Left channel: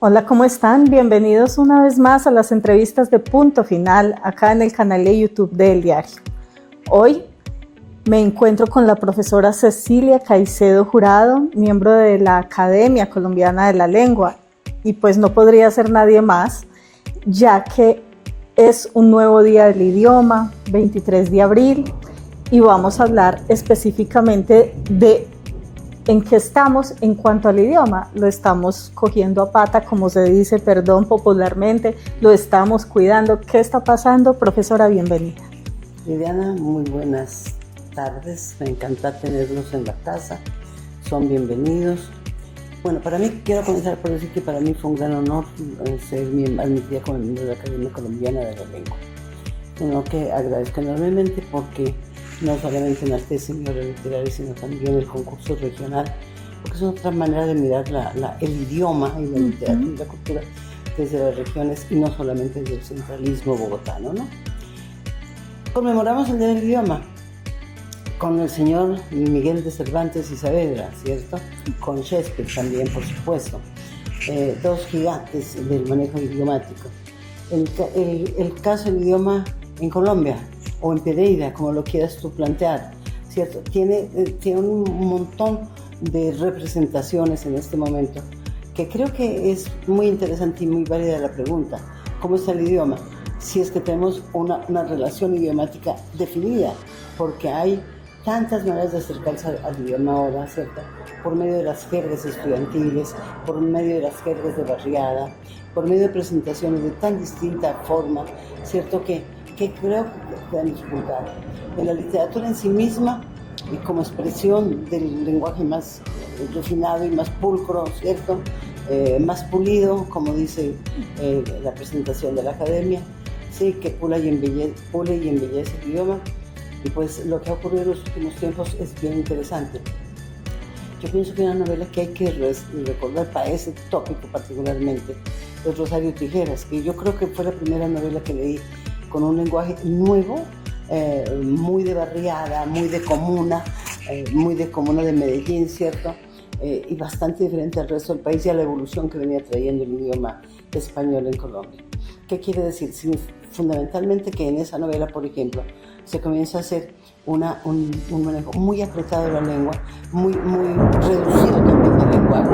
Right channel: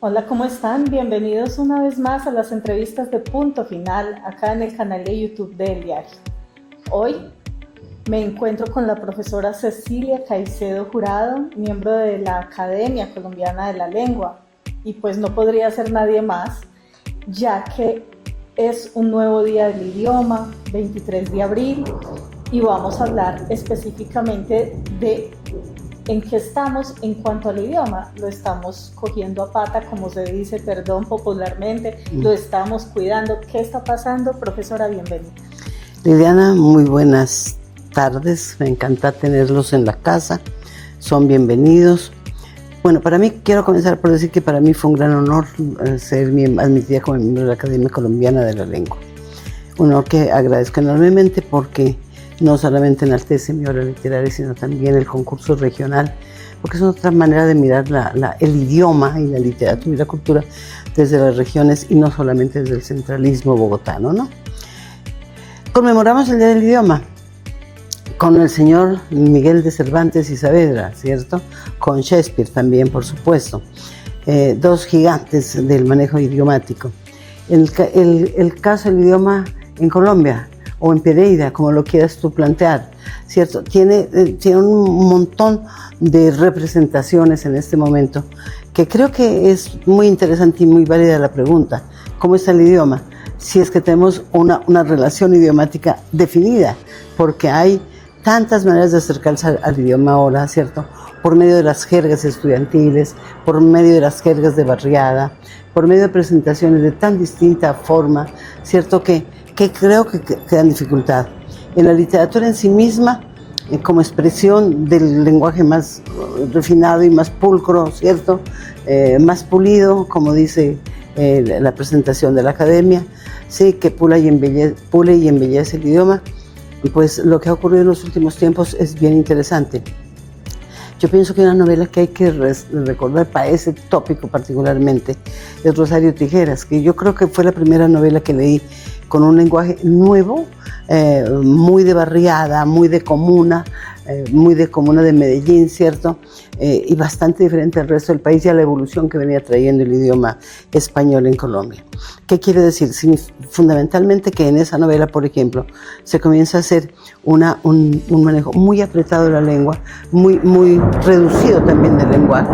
Hola, ¿cómo están? Bienvenidos una vez más a las entrevistas de Punto Final, acá en el canal de YouTube de El Diario. Hoy me encuentro con la profesora Cecilia Caicedo Jurado, miembro de la Academia Colombiana de la Lengua, y pues no podría ser nadie más, ya que es un nuevo día del idioma, 23 de abril, y vamos a hablar específicamente de en qué estamos en cuanto al idioma. Lo estamos cogiendo a pata, como se dice, perdón, popularmente, lo estamos cuidando. ¿Qué está pasando? Profesora, bienvenida. Liliana, muy buenas tardes, me encanta tenerlos en la casa, son bienvenidos. Bueno, para mí, quiero comenzar por decir que para mí fue un gran honor ser admitida como miembro de la Academia Colombiana de la Lengua. Un honor que agradezco enormemente porque no solamente enaltece mi obra literaria, sino también el concurso regional, porque es otra manera de mirar el idioma y la literatura y la cultura desde las regiones y no solamente desde el centralismo bogotano, ¿no? Conmemoramos el Día del Idioma con el señor Miguel de Cervantes y Saavedra, ¿cierto? Con Shakespeare también, por supuesto. Dos gigantes del manejo idiomático. El caso del idioma en Colombia, o en Pereira, como lo quieras tú plantear, ¿cierto? Tiene un montón de representaciones en este momento, que creo que es muy interesante y muy válida la pregunta, ¿cómo está el idioma? Si es que tenemos una relación idiomática definida, porque hay tantas maneras de acercarse al idioma ahora, ¿cierto? Por medio de las jergas estudiantiles, por medio de las jergas de barriada, por medio de presentaciones de tan distinta forma, ¿cierto? Que creo que dan dificultad. En la literatura en sí misma, como expresión del lenguaje más refinado y más pulcro, ¿cierto? Más pulido, como dice la presentación de la Academia, sí, que pule y embellece el idioma. Y pues lo que ha ocurrido en los últimos tiempos es bien interesante. Yo pienso que una novela que hay que recordar para ese tópico particularmente es Rosario Tijeras, que yo creo que fue la primera novela que leí con un lenguaje nuevo, muy de barriada, muy de comuna de Medellín, ¿cierto? Y bastante diferente al resto del país y a la evolución que venía trayendo el idioma español en Colombia. ¿Qué quiere decir? Fundamentalmente que en esa novela, por ejemplo, se comienza a hacer un manejo muy apretado de la lengua, muy reducido también del lenguaje,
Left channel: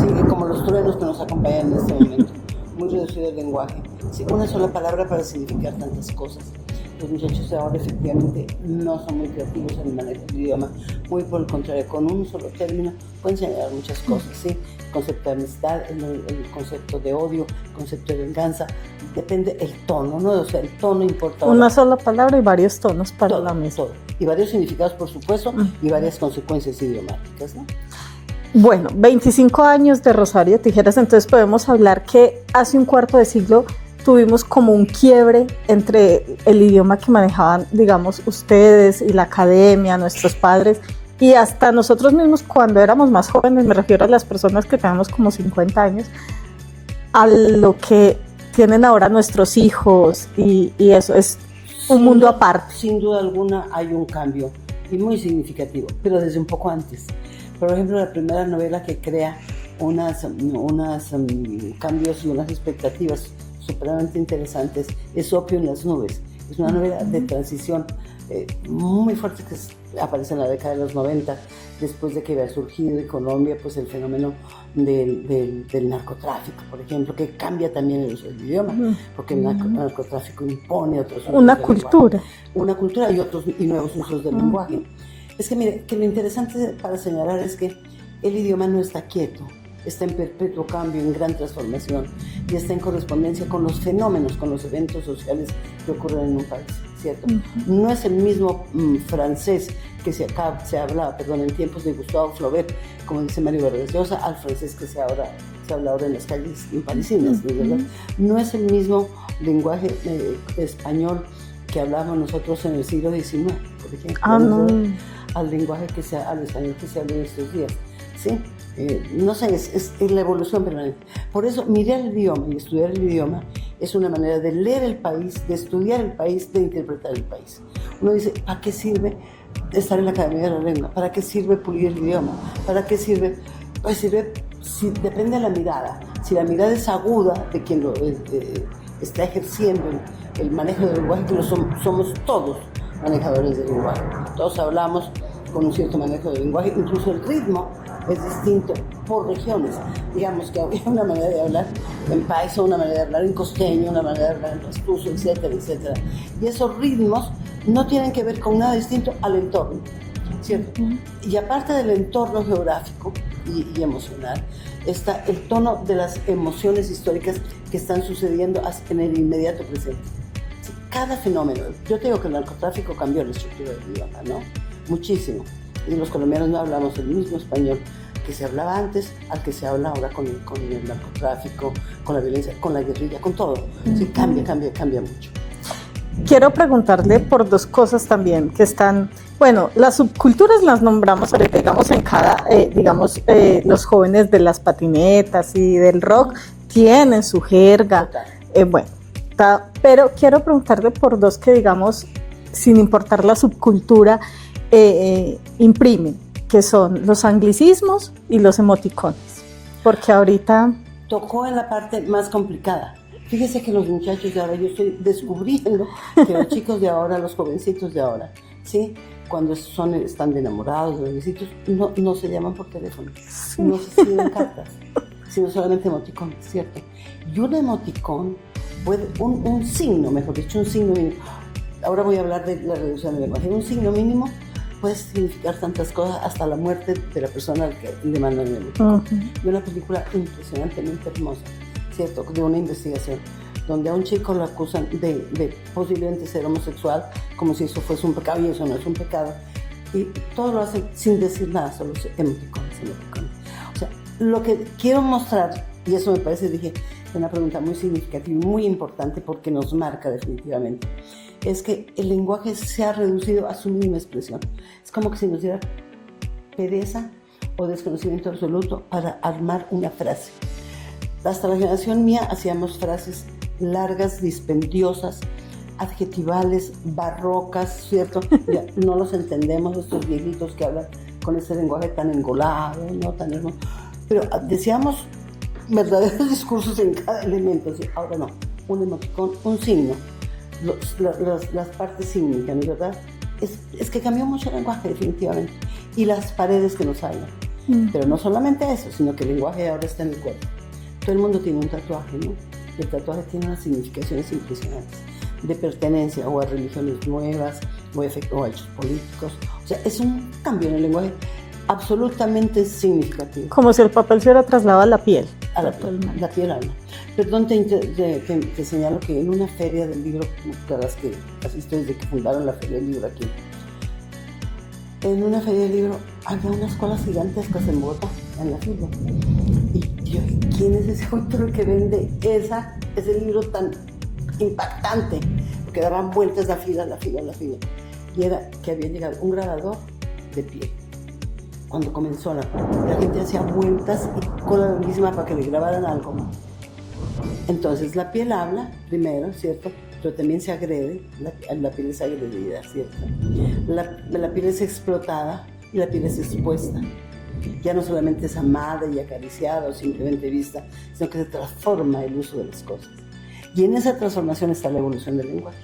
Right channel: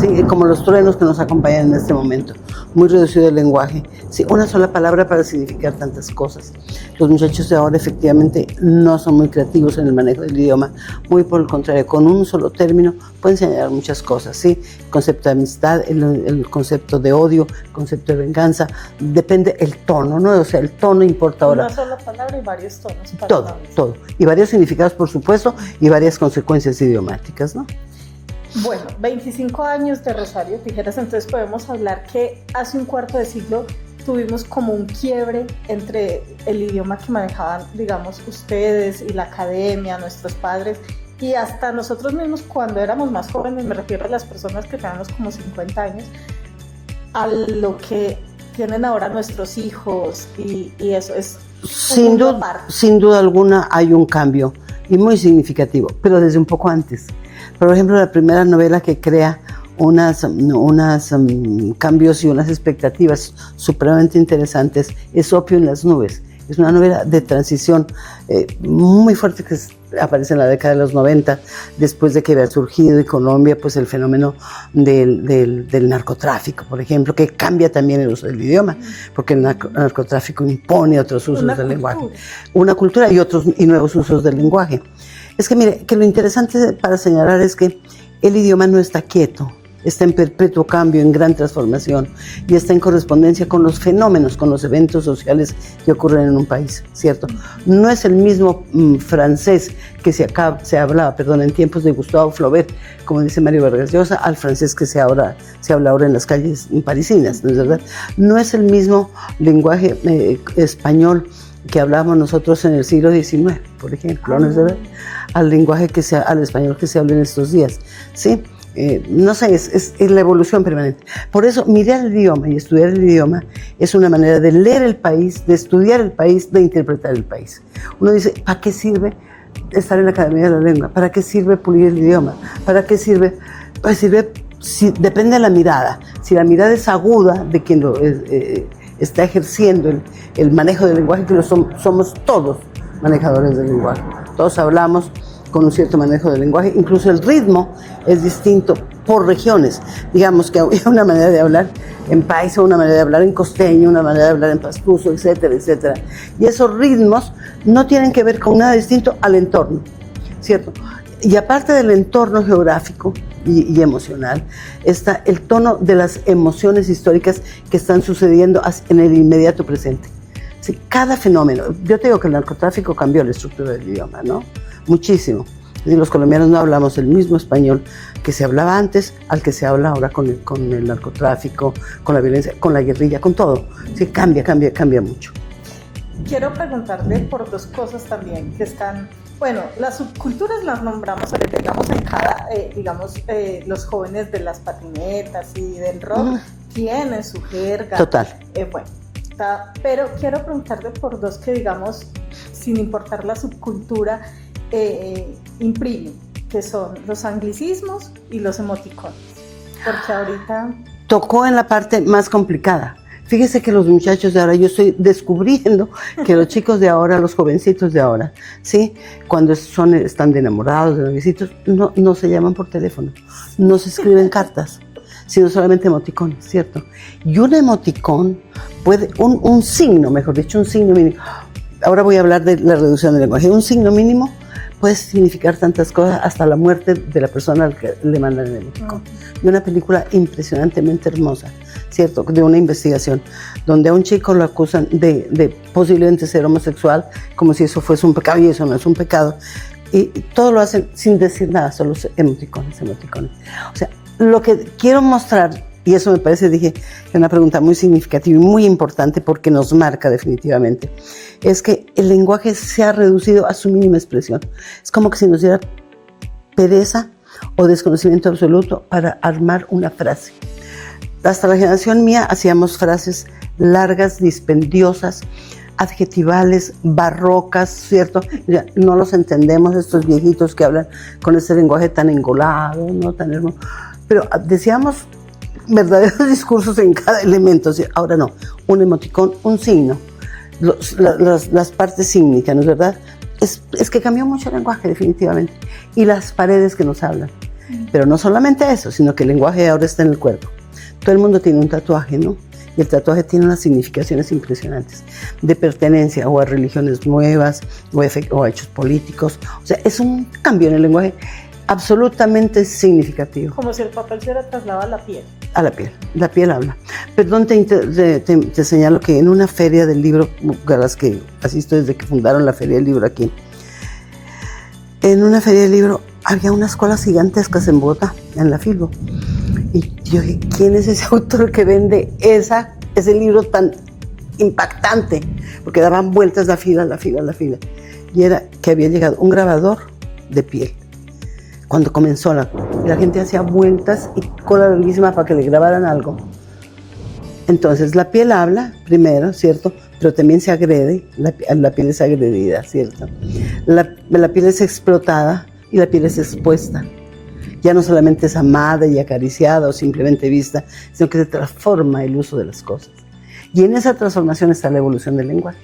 ¿sí? Como los truenos que nos acompañan en este momento, muy reducido el lenguaje, ¿sí? Una sola palabra para significar tantas cosas. Los muchachos de ahora efectivamente no son muy creativos en el manejo del idioma, muy por el contrario, con un solo término pueden señalar muchas cosas, ¿sí? El concepto de amistad, el concepto de odio, el concepto de venganza, depende el tono, ¿no? O sea, el tono importa ahora. Una sola palabra y varios tonos para la misma. Todo. Y varios significados, por supuesto, y varias consecuencias idiomáticas, ¿no? Bueno, 25 años de Rosario Tijeras, entonces podemos hablar que hace un cuarto de siglo tuvimos como un quiebre entre el idioma que manejaban, digamos, ustedes y la academia, nuestros padres, y hasta nosotros mismos cuando éramos más jóvenes, me refiero a las personas que tenemos como 50 años, a lo que tienen ahora nuestros hijos, y eso es un mundo aparte. Sin duda alguna hay un cambio, y muy significativo, pero desde un poco antes. Por ejemplo, la primera novela que crea unos cambios y unas expectativas supremamente interesantes es Opio en las nubes. Es una novela de transición muy fuerte que aparece en la década de los 90, después de que había surgido en Colombia pues, el fenómeno del narcotráfico, por ejemplo, que cambia también el uso del idioma, porque el narcotráfico impone otros usos del lenguaje. Una cultura y nuevos usos del lenguaje. Es que mire, que lo interesante para señalar es que el idioma no está quieto, está en perpetuo cambio, en gran transformación y está en correspondencia con los fenómenos, con los eventos sociales que ocurren en un país, ¿cierto? No es el mismo francés que se hablaba en tiempos de Gustave Flaubert, como dice Mario Vargas Llosa, al francés que se habla ahora en las calles parisinas, ¿no es verdad? No es el mismo lenguaje español que hablábamos nosotros en el siglo XIX, por ejemplo, ¿no es verdad? Al español que se habla en estos días, ¿sí? No sé, es la evolución permanente. Por eso, mirar el idioma y estudiar el idioma es una manera de leer el país, de estudiar el país, de interpretar el país. Uno dice, ¿para qué sirve estar en la Academia de la Lengua? ¿Para qué sirve pulir el idioma? ¿Para qué sirve? Pues sirve depende de la mirada. Si la mirada es aguda de quien está ejerciendo el manejo del lenguaje, que somos todos manejadores del lenguaje. Todos hablamos con un cierto manejo del lenguaje, incluso el ritmo es distinto por regiones. Digamos que hay una manera de hablar en paisa, una manera de hablar en costeño, una manera de hablar en pastuso, etcétera, etcétera. Y esos ritmos no tienen que ver con nada distinto al entorno, ¿cierto? Y aparte del entorno geográfico y emocional, está el tono de las emociones históricas que están sucediendo en el inmediato presente. Sí, cada fenómeno. Yo te digo que el narcotráfico cambió la estructura del idioma, ¿no? Muchísimo. Y los colombianos no hablamos el mismo español que se hablaba antes al que se habla ahora con el narcotráfico, con la violencia, con la guerrilla, con todo. Sí, cambia mucho. Quiero preguntarle por dos cosas también que están, bueno, las subculturas las nombramos, digamos, en cada, los jóvenes de las patinetas y del rock tienen su jerga. Total. Bueno, pero quiero preguntarle por dos que, digamos, sin importar la subcultura, imprimen, que son los anglicismos y los emoticones, porque ahorita... Tocó en la parte más complicada. Fíjese que los muchachos de ahora, yo estoy descubriendo que los chicos de ahora, los jovencitos de ahora, ¿sí? Cuando están de enamorados, de noviecitos, no se llaman por teléfono, no se escriben cartas, sino solamente emoticones, ¿cierto? Y un emoticón puede, un signo, mejor dicho, un signo mínimo. Ahora voy a hablar de la reducción del lenguaje. Un signo mínimo puede significar tantas cosas, hasta la muerte de la persona al que le mandan el emoticón. Y una película impresionantemente hermosa, ¿cierto? De una investigación donde a un chico lo acusan de posiblemente ser homosexual, como si eso fuese un pecado, y eso no es un pecado. Y todo lo hacen sin decir nada, solo emoticones. O sea, lo que quiero mostrar, y eso me parece, dije, es una pregunta muy significativa y muy importante porque nos marca definitivamente, es que el lenguaje se ha reducido a su mínima expresión. Es como que si nos diera pereza o desconocimiento absoluto para armar una frase. Hasta la generación mía hacíamos frases largas, dispendiosas, adjetivales, barrocas, ¿cierto? Ya no los entendemos, estos viejitos que hablan con ese lenguaje tan engolado, ¿no? Tan hermoso. Pero decíamos verdaderos discursos en cada elemento. ¿Sí? Ahora no, un emoticón, un signo, las partes sígnicas, ¿no es verdad? Es que cambió mucho el lenguaje definitivamente, y las paredes que nos hablan. Pero no solamente eso, sino que el lenguaje ahora está en el cuerpo. Todo el mundo tiene un tatuaje, ¿no? Y el tatuaje tiene unas significaciones impresionantes de pertenencia o a religiones nuevas o a hechos políticos. O sea, es un cambio en el lenguaje absolutamente significativo. Como si el papel se hubiera trasladado a la piel. A la piel, la piel habla. Perdón, te señalo que en una feria del libro, a las que asisto desde que fundaron la Feria del Libro aquí, en una feria del libro había unas colas gigantescas en Bogotá, en la Filbo. Y yo dije, ¿quién es ese autor que vende ese libro tan impactante? Porque daban vueltas la fila. Y era que había llegado un grabador de piel. Cuando comenzó la gente hacía vueltas y cola larguísima para que le grabaran algo. Entonces la piel habla primero, ¿cierto? Pero también se agrede, la piel es agredida, ¿cierto? La piel es explotada y la piel es expuesta. Ya no solamente es amada y acariciada o simplemente vista, sino que se transforma el uso de las cosas. Y en esa transformación está la evolución del lenguaje.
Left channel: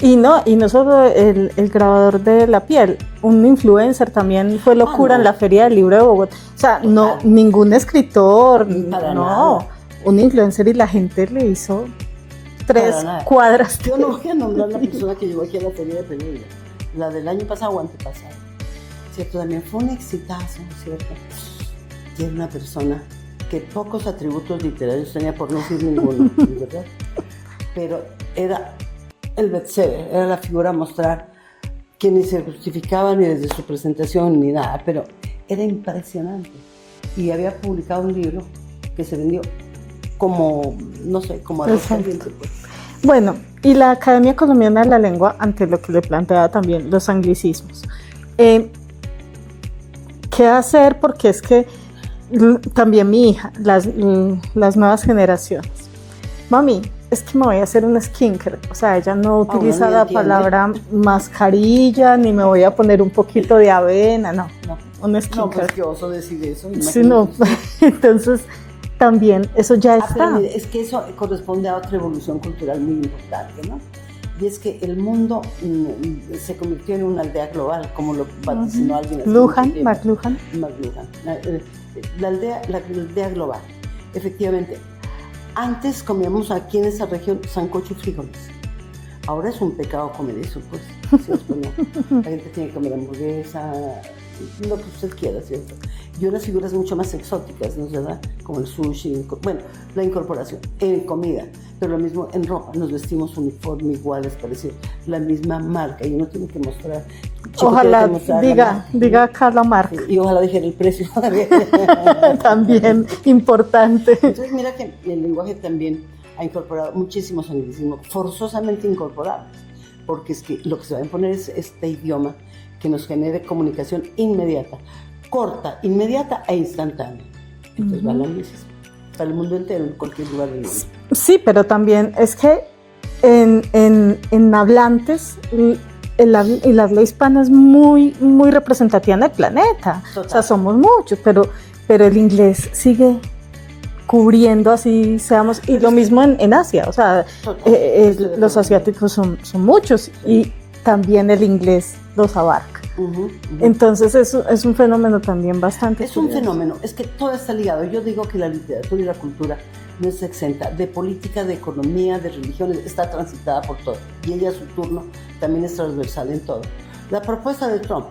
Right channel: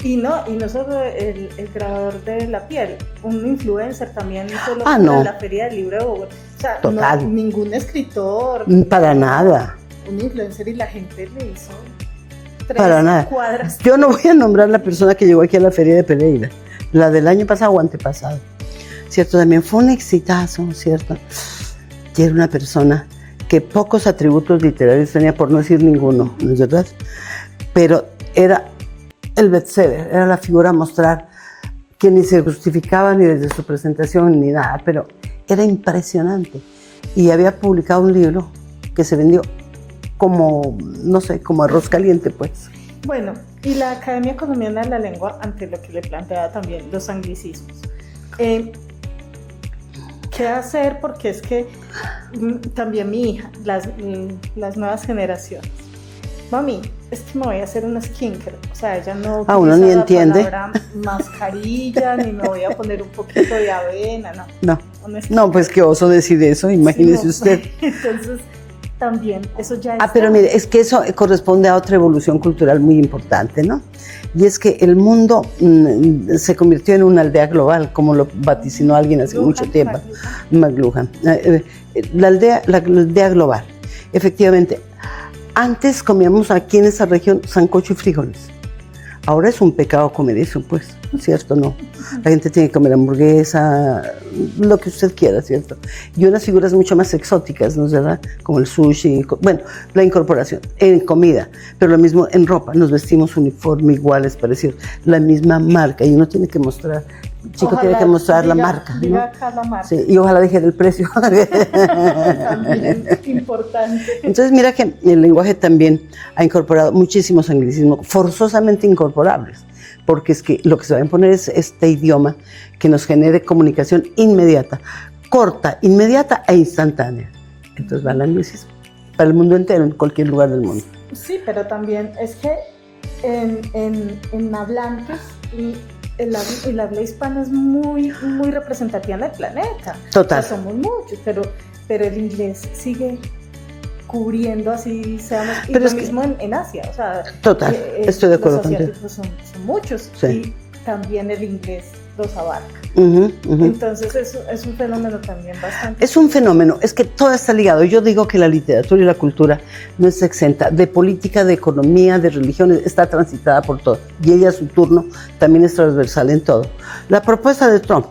Y no solo el grabador de la piel, un influencer también fue locura en la Feria del Libro de Bogotá. O sea, no, ningún escritor. Para nada. Un influencer, y la gente le hizo 3 cuadras. Yo no voy a nombrar la persona que llegó aquí a la Feria de Pereira, la del año pasado o antepasado. ¿Cierto? También fue un exitazo, ¿cierto? Y era una persona que pocos atributos literarios tenía, por no decir ninguno, ¿no es verdad? Pero era el bestseller, era la figura a mostrar, que ni se justificaba ni desde su presentación ni nada, pero era impresionante. Y había publicado un libro que se vendió como, no sé, como arroz caliente, pues. Bueno, y la Academia Colombiana de la Lengua, ante lo que le planteaba también los anglicismos. ¿Qué hacer? Porque es que también mi hija, las nuevas generaciones, mami, es que me voy a hacer un skincare, o sea, ella no utiliza la palabra mascarilla, ni me voy a poner un poquito de avena, no. un sticker. No, pues qué oso decir eso, imagínese Sí, no. usted. Entonces, también eso ya está. Pero mire, es que eso corresponde a otra evolución cultural muy importante, ¿no? Y es que el mundo se convirtió en una aldea global, como lo vaticinó alguien hace mucho tiempo. McLuhan. La aldea global. Efectivamente, antes comíamos aquí en esa región sancocho y frijoles. Ahora es un pecado comer eso, pues, ¿cierto? No. La gente tiene que comer hamburguesa, lo que usted quiera, ¿cierto? Y unas figuras mucho más exóticas, ¿no es verdad? Como el sushi, bueno, la incorporación en comida, pero lo mismo en ropa. Nos vestimos uniforme, iguales, parecidos, la misma marca, y uno tiene que mostrar. Chico ojalá tiene que mostrar la marca. Diga acá la marca. Sí, y ojalá deje el precio. También importante. Entonces mira que el lenguaje también ha incorporado muchísimos anglicismos, forzosamente incorporables, porque es que lo que se va a imponer es este idioma que nos genere comunicación inmediata, corta, inmediata e instantánea. Entonces va el anglicismo para el mundo entero, en cualquier lugar del mundo. Sí, pero también es que en hablantes el habla hispana es muy representativa en el planeta. Total. O sea, somos muchos, pero el inglés sigue cubriendo así, seamos, y pero lo mismo en Asia, o sea, total, estoy de acuerdo los asiáticos son muchos, sí. Y también el inglés los abarca. Entonces es un fenómeno también bastante... Es un fenómeno, es que todo está ligado. Yo digo que la literatura y la cultura no es exenta de política, de economía, de religiones, está transitada por todo. Y ella a su turno también es transversal en todo. La propuesta de Trump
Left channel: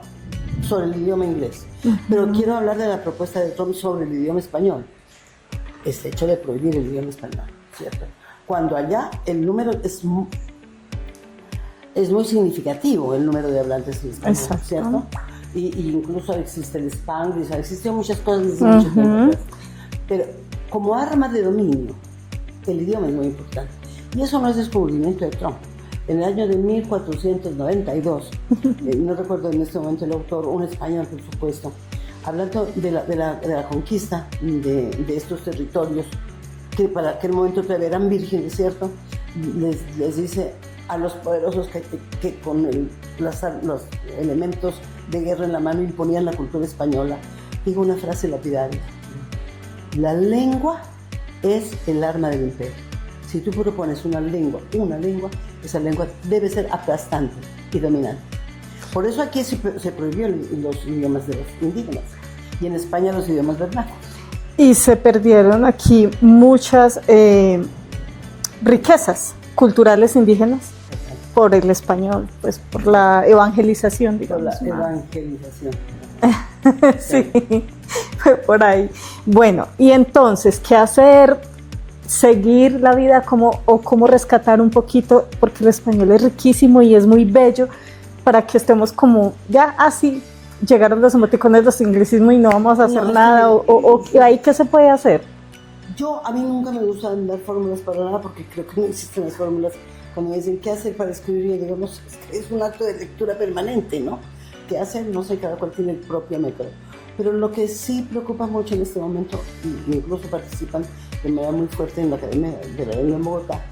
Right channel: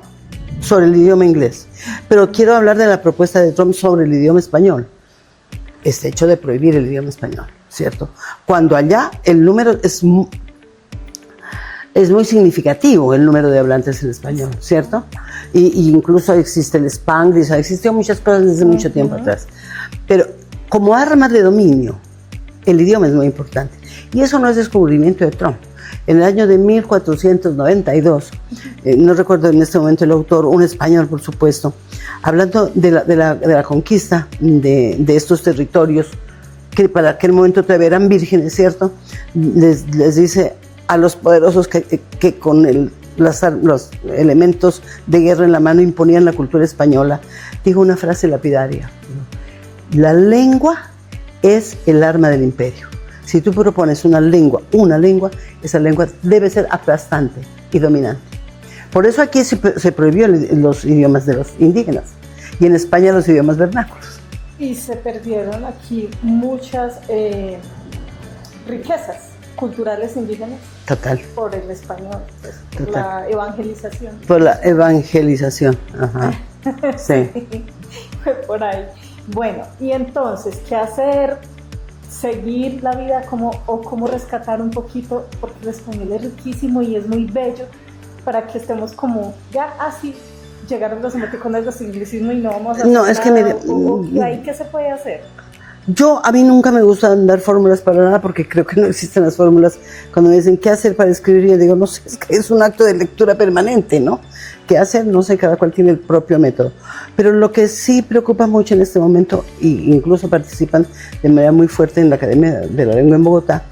sobre el idioma inglés, pero quiero hablar de la propuesta de Trump sobre el idioma español. Este hecho de prohibir el idioma español, ¿cierto? Cuando allá el número es muy significativo, el número de hablantes en español, exacto, ¿cierto? Y incluso existe el Spanglish, existió muchas cosas desde mucho tiempo atrás. Pero como arma de dominio, el idioma es muy importante. Y eso no es descubrimiento de Trump. En el año de 1492, no recuerdo en este momento el autor, un español por supuesto, hablando de la conquista de estos territorios, que para aquel momento todavía eran vírgenes, ¿cierto? Les dice a los poderosos que con los elementos de guerra en la mano imponían la cultura española, dijo una frase lapidaria: la lengua es el arma del imperio. Si tú propones una lengua, esa lengua debe ser aplastante y dominante. Por eso aquí se prohibió los idiomas de los indígenas y en España los idiomas vernáculos. Y se perdieron aquí muchas riquezas culturales indígenas. Total. Por el español, pues por total. La evangelización. Digamos. Por la evangelización, ajá. Sí, fue por ahí. Bueno, y entonces, ¿qué hacer? Seguir la vida o cómo rescatar un poquito, porque el español es riquísimo y es muy bello, para que estemos como ya así, llegaron los emoticones, los anglicismos y no vamos a hacer nada, que ¿ahí qué se puede hacer? A mí nunca me gusta dar fórmulas para nada, porque creo que no existen las fórmulas. Cuando me dicen qué hacer para escribir, yo digo, no sé, es que es un acto de lectura permanente, ¿no? ¿Qué hacer? No sé, cada cual tiene el propio método. Pero lo que sí preocupa mucho en este momento, e incluso participan de manera muy fuerte en la Academia de la Lengua en Bogotá,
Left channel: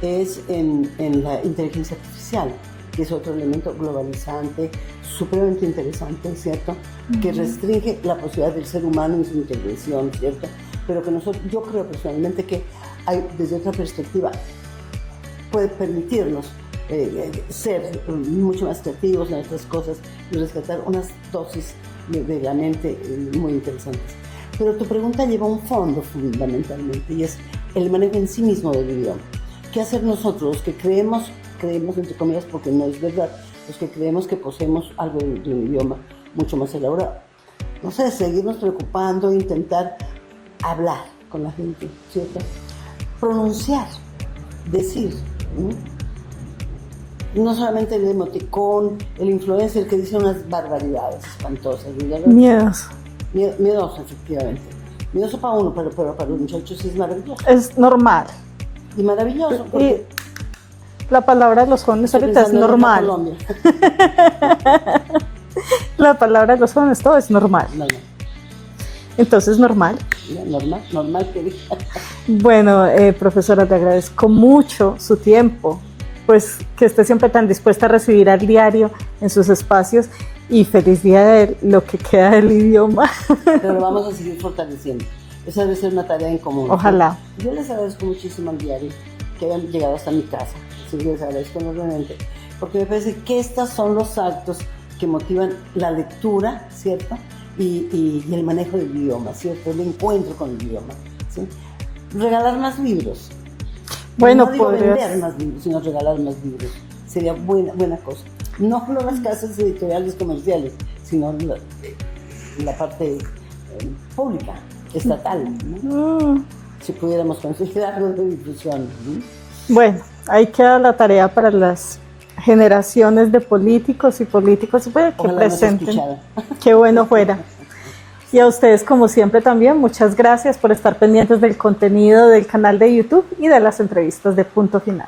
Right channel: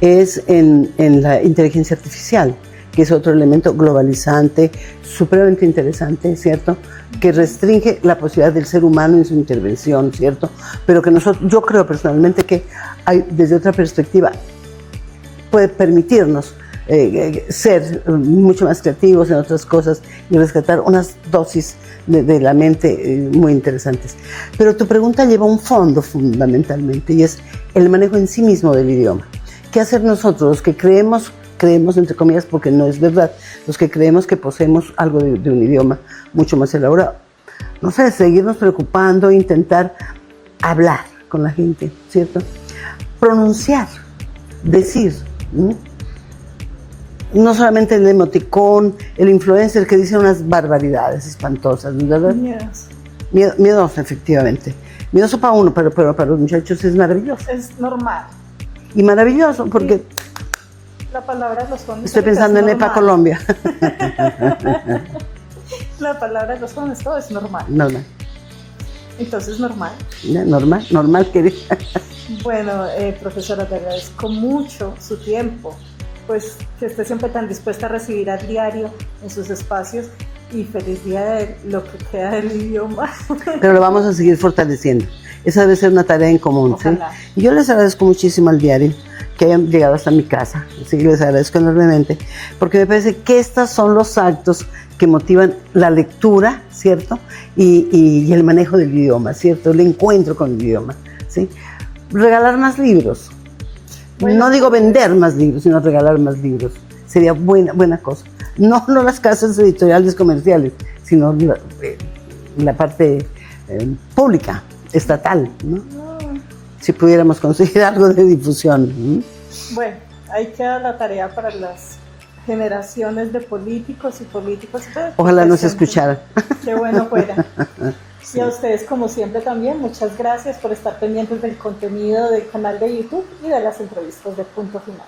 es en la inteligencia artificial, que es otro elemento globalizante, supremamente interesante, ¿cierto? Que restringe la posibilidad del ser humano en su intervención, ¿cierto? Pero que yo creo personalmente que hay, desde otra perspectiva, puede permitirnos ser mucho más creativos en otras cosas y rescatar unas dosis de la mente muy interesantes. Pero tu pregunta lleva un fondo fundamentalmente, y es el manejo en sí mismo del idioma. ¿Qué hacer nosotros, los que creemos entre comillas, porque no es verdad, los que creemos que poseemos algo de un idioma mucho más elaborado? No sé, seguirnos preocupando, intentar hablar con la gente, ¿cierto? Pronunciar, decir, no solamente el emoticón, el influencer que dice unas barbaridades espantosas, ¿verdad? Miedoso, efectivamente. Miedoso para uno, pero para los muchachos es maravilloso. Es normal. Y maravilloso, porque... La palabra de los jóvenes estoy pensando en EPA Colombia. La palabra de los jóvenes, todo es normal. Normal. Entonces, normal. Normal, querida. Bueno, profesora, te agradezco mucho su tiempo, pues que esté siempre tan dispuesta a recibir al diario en sus espacios y feliz día de lo que queda del idioma. Pero lo vamos a seguir fortaleciendo. Esa debe ser una tarea en común. Ojalá. ¿Sí? Y yo les agradezco muchísimo al diario que hayan llegado hasta mi casa. Así que les agradezco enormemente, porque me parece que estos son los actos que motivan la lectura, ¿cierto? Y el manejo del idioma, ¿cierto? El encuentro con el idioma, ¿sí? Regalar más libros. Bueno, no digo vender más libros, sino regalar más libros. Sería buena cosa. No las casas editoriales comerciales, sino la parte pública, estatal, ¿no? Si pudiéramos conseguir algo de difusión. Bueno, ahí queda la tarea para las generaciones de políticos y políticos. Ojalá nos escucharan. Qué bueno fuera. Y a ustedes, como siempre, también, muchas gracias por estar pendientes del contenido del canal de YouTube y de las entrevistas de Punto Final.